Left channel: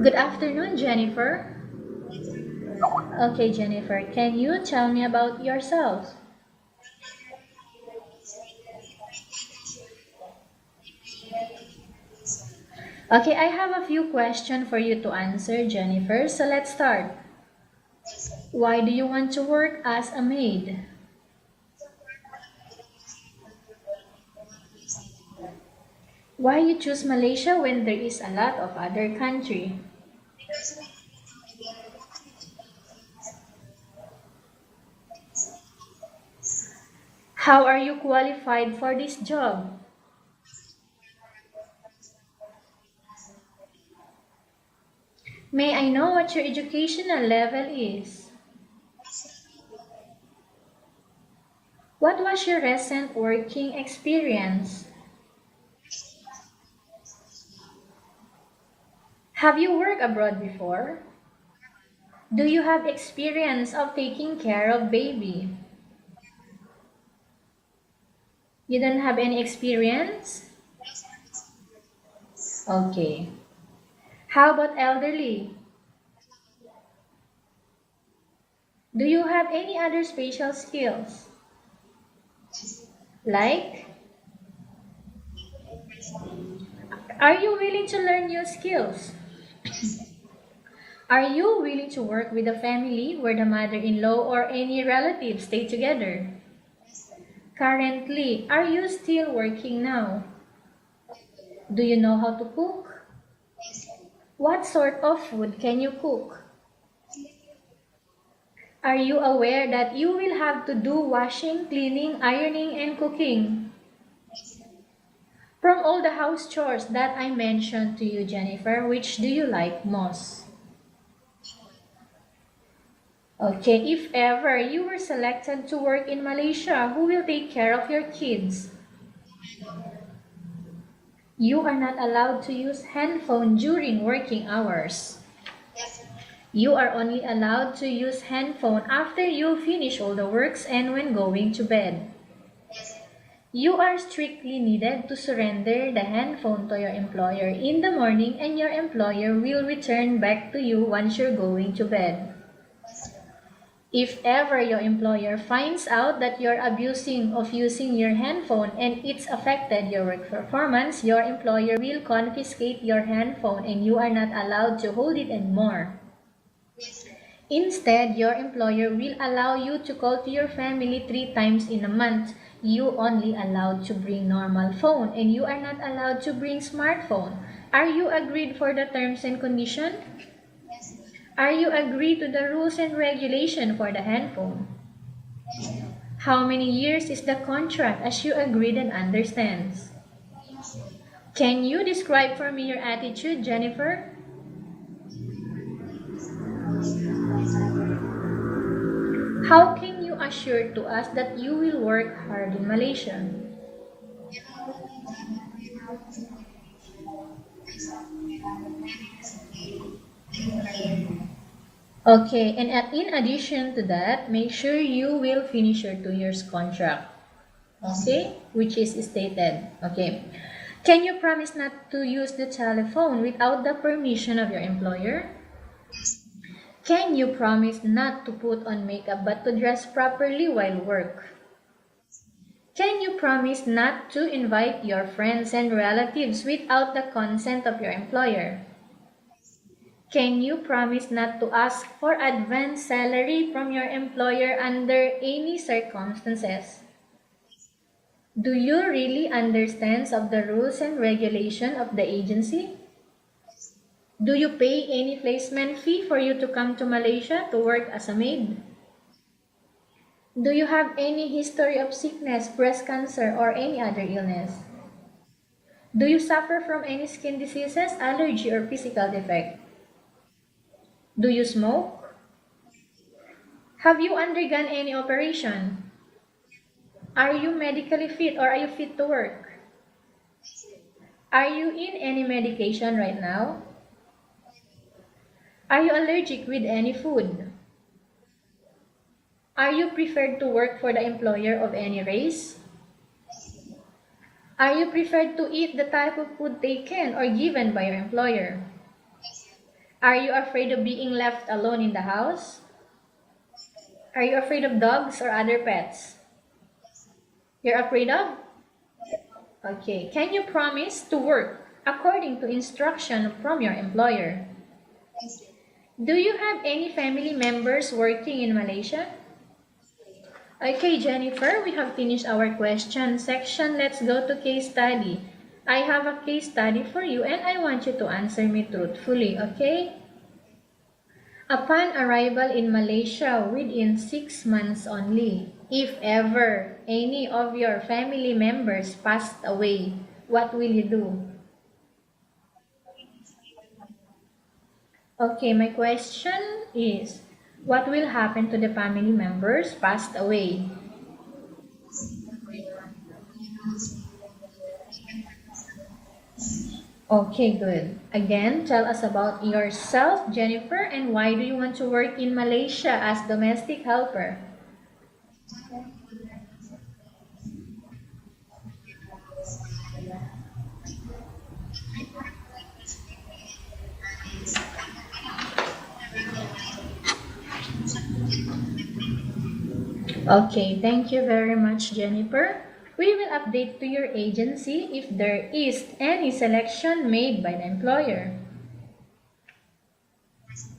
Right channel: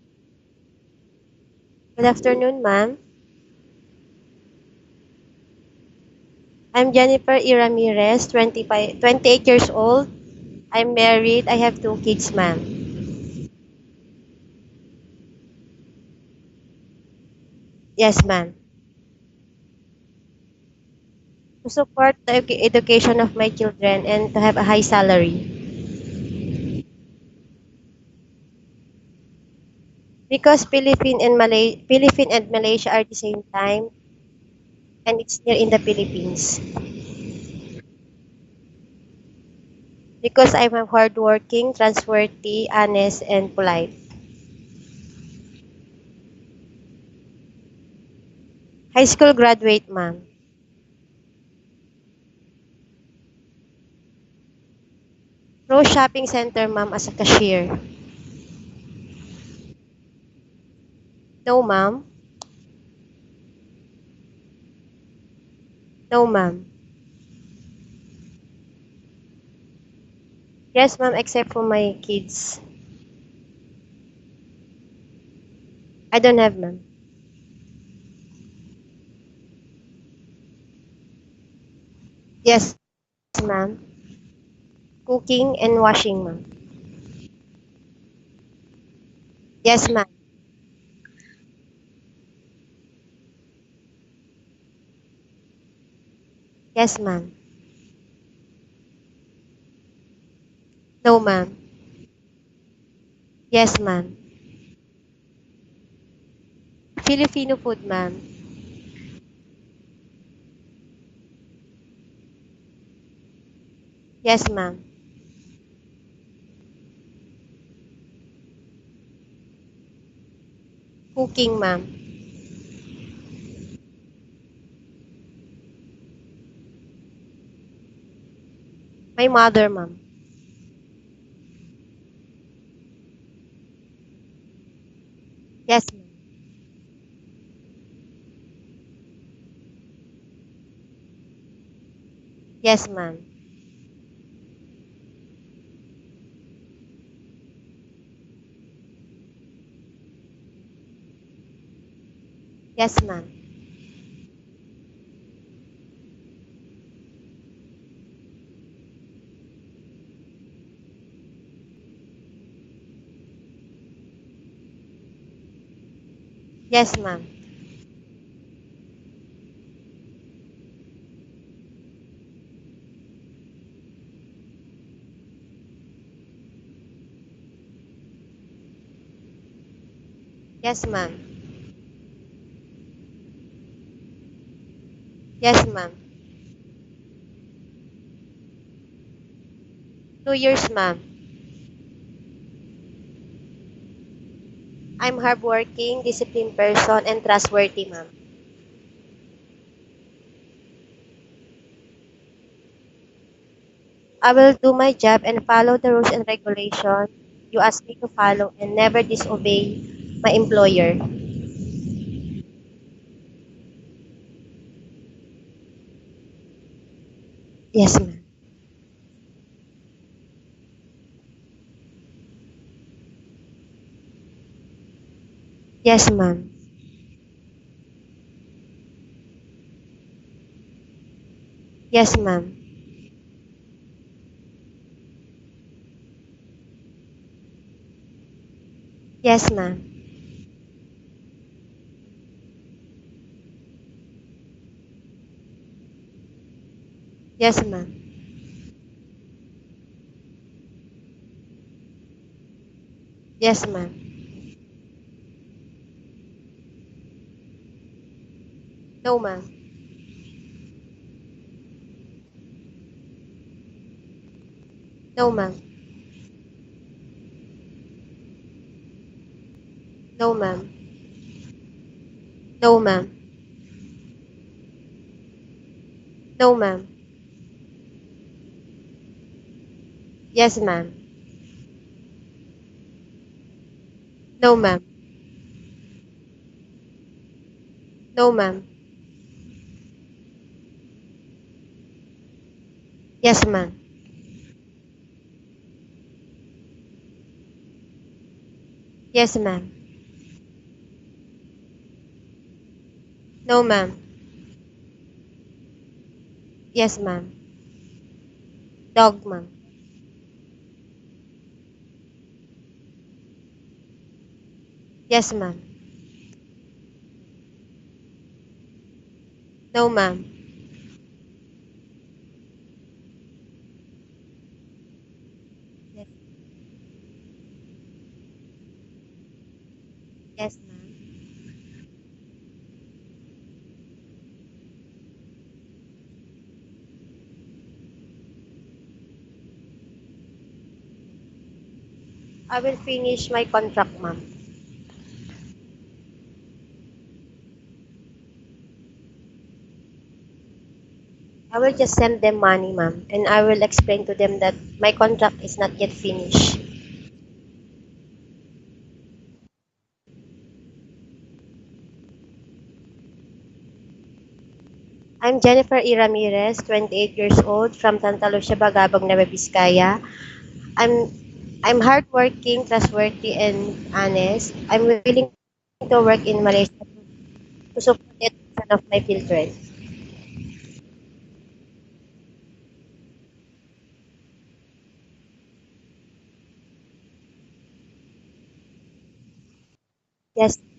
Good afternoon, Jennifer. Good afternoon, ma'am. Okay, Jennifer, can you tell me about yourself? I'm Jennifer Ramirez, 28 years old. I'm married. I have two kids, ma'am. Okay, I have a few questions for you to answer, Jennifer. So let's start. Yes, ma'am. Why do you want to work as a maid? To support the education of my children and to have a high salary. Why you choose Malaysia when there is a lot of other country? Because Philippines and Malaysia are the same time and it's here in the Philippines. How are you qualified for this job? Because I'm a hardworking, trustworthy, honest, and polite. May I know what your educational level is? High school graduate, ma'am. What was your recent working experience? Rose Shopping Center, ma'am, as a cashier. Have you worked abroad before? No, ma'am. Do you have experience of taking care of baby? No, ma'am. You don't have any experience? Yes, ma'am, except for my kids. Okay. How about elderly? I don't have, ma'am. Do you have any other special skills? Yes, ma'am. Like, Cooking and washing, ma'am. are you willing to learn new skills? Yes, ma'am. Are you willing to work with a family where the mother-in-law or any relatives stay together? Yes, ma'am. Currently, are you still working now? No, ma'am. Do you know how to cook? Yes, ma'am. What sort of food can you cook? Filipino food, ma'am. Are you aware that you will have to do washing, cleaning, ironing, and cooking? Yes, ma'am. From all the house chores that I mentioned to you, Jennifer, which do you like most? Cooking, ma'am. Okay, if ever you were selected to work in Malaysia, who will take care of your kids? My mother, ma'am. You are not allowed to use handphone during working hours. Yes, ma'am. You are only allowed to use handphone after you finish all the works and when going to bed. Yes, ma'am. You are strictly needed to surrender the handphone to your employer in the morning and your employer will return back to you once you're going to bed. Yes, ma'am. If ever your employer finds out that you're abusing of using your handphone and it's affected your work performance, your employer will confiscate your handphone and you are not allowed to hold it anymore. Yes, ma'am. Instead, your employer will allow you to call to your family 3 times in a month. You only allowed to bring normal phone and you are not allowed to bring smartphone. Are you agreed for the terms and condition? Yes, ma'am. Are you agreed to the rules and regulation for the handphone? Yes, ma'am. How many years is the contract as you agreed and understands? 2 years, ma'am. Can you describe for me your attitude, Jennifer? I'm hardworking, disciplined person, and trustworthy, ma'am. How can you assure to us that you will work hard in Malaysia? I will do my job and follow the rules and regulations you ask me to follow and never disobey my employer. Okay, and in addition to that, make sure you will finish your 2 years contract. Yes, ma'am. Okay, which is stated. Okay. Can you promise not to use the telephone without the permission of your employer? Yes, ma'am. Can you promise not to put on makeup but to dress properly while work? Yes, ma'am. Can you promise not to invite your friends and relatives without the consent of your employer? Yes, ma'am. Can you promise not to ask for advance salary from your employer under any circumstances? Yes, ma'am. Do you really understand of the rules and regulation of the agency? Yes, ma'am. Do you pay any placement fee for you to come to Malaysia to work as a maid? No, ma'am. Do you have any history of sickness, breast cancer, or any other illness? No, ma'am. Do you suffer from any skin diseases, allergy, or physical defect? No, ma'am. Do you smoke? No, ma'am. Have you undergone any operation? No, ma'am. Are you medically fit or are you fit to work? Yes, ma'am. Are you in any medication right now? No, ma'am. Are you allergic with any food? No, ma'am. Are you preferred to work for the employer of any race? Yes, ma'am. Are you preferred to eat the type of food taken or given by your employer? Yes, ma'am. Are you afraid of being left alone in the house? No, ma'am. Are you afraid of dogs or other pets? Yes, ma'am. You're afraid of? Dog, ma'am. Okay. Can you promise to work according to instruction from your employer? Yes, ma'am. Do you have any family members working in Malaysia? No, ma'am. Okay, Jennifer, we have finished our question section. Let's go to case study. I have a case study for you and I want you to answer me truthfully, okay? Yes, ma'am. Upon arrival in Malaysia within 6 months only, if ever any of your family members passed away, what will you do? I will finish my contract, ma'am. Okay, my question is, what will happen to the family members passed away? I will just send them money, ma'am, and I will explain to them that my contract is not yet finished. Okay, good. Again, tell us about yourself, Jennifer, and why do you want to work in Malaysia as domestic helper? I'm Jennifer E. Ramirez, 28 years old, from Santa Lucia, Bagabag, Nueva Vizcaya. I'm I'm hardworking, trustworthy, and honest. I'm willing to work in Malaysia to support the education of my children. Okay, thank you very much, Jennifer. We will update to your agency if there is any selection made by the employer. Yes,